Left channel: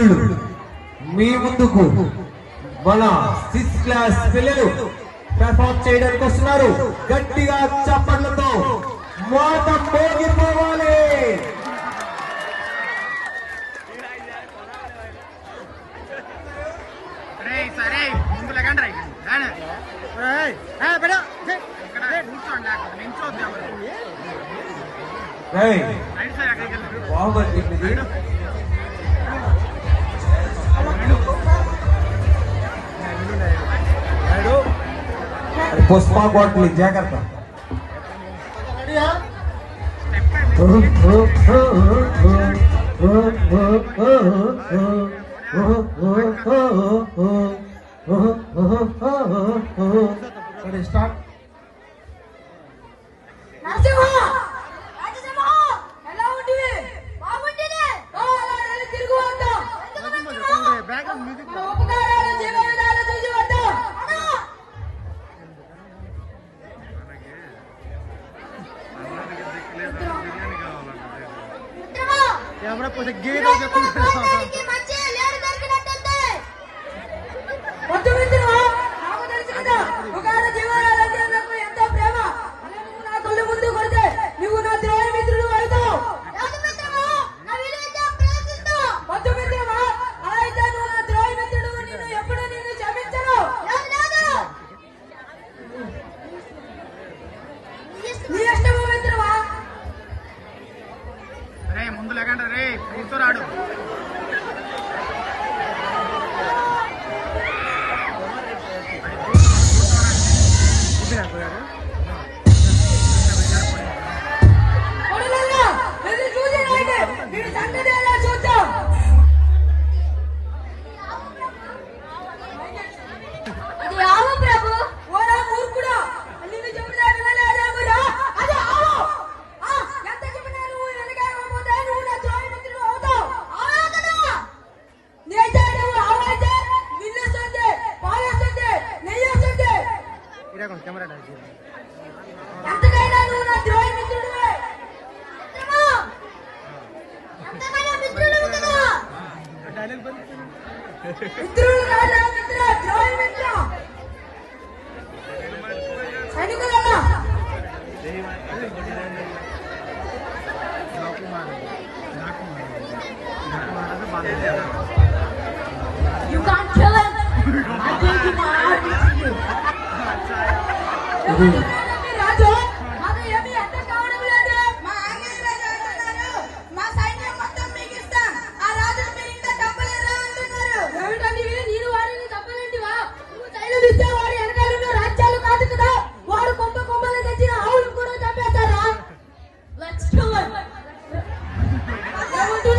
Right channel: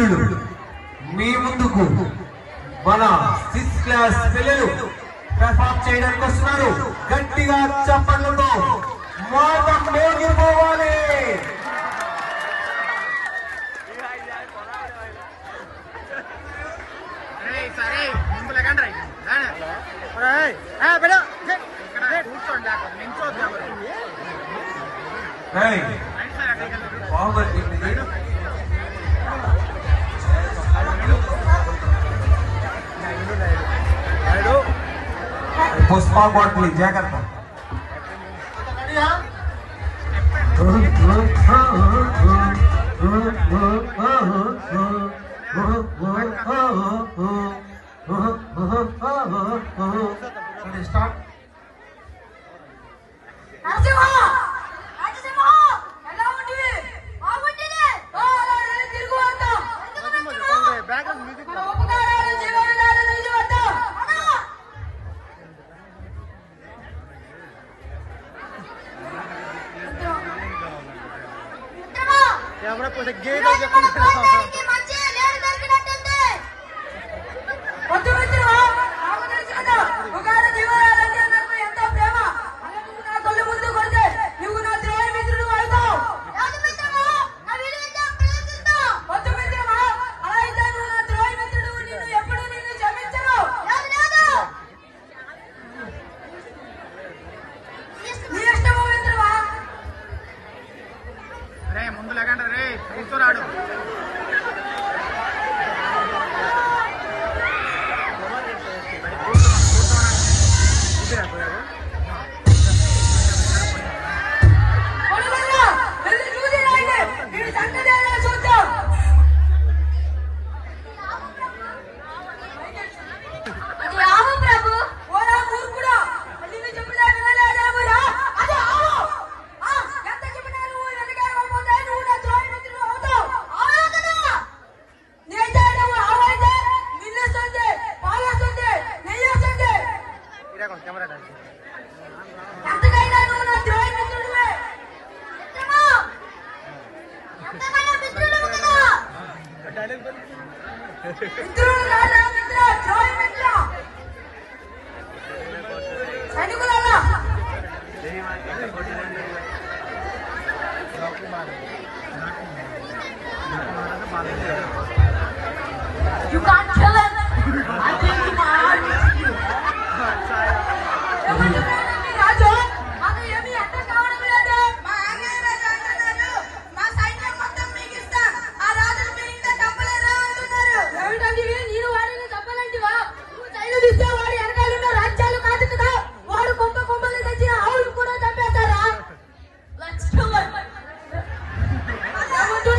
మిత్రులు మీ ముందుకు మన 6th క్లాస్ పిల్లలు పెర్ఫార్మ్ చేయడానికి వస్తున్నారు. గట్టిగా చప్పట్లతో మోత మోగిపోవాలి. సరే ముందు లేకండి కూర్చోండి पुष्पा बोटली जाग्रत्त स्टार्ट ముందు లేకండి రే ప్రీతో రాడు You can't kill him. I think you can.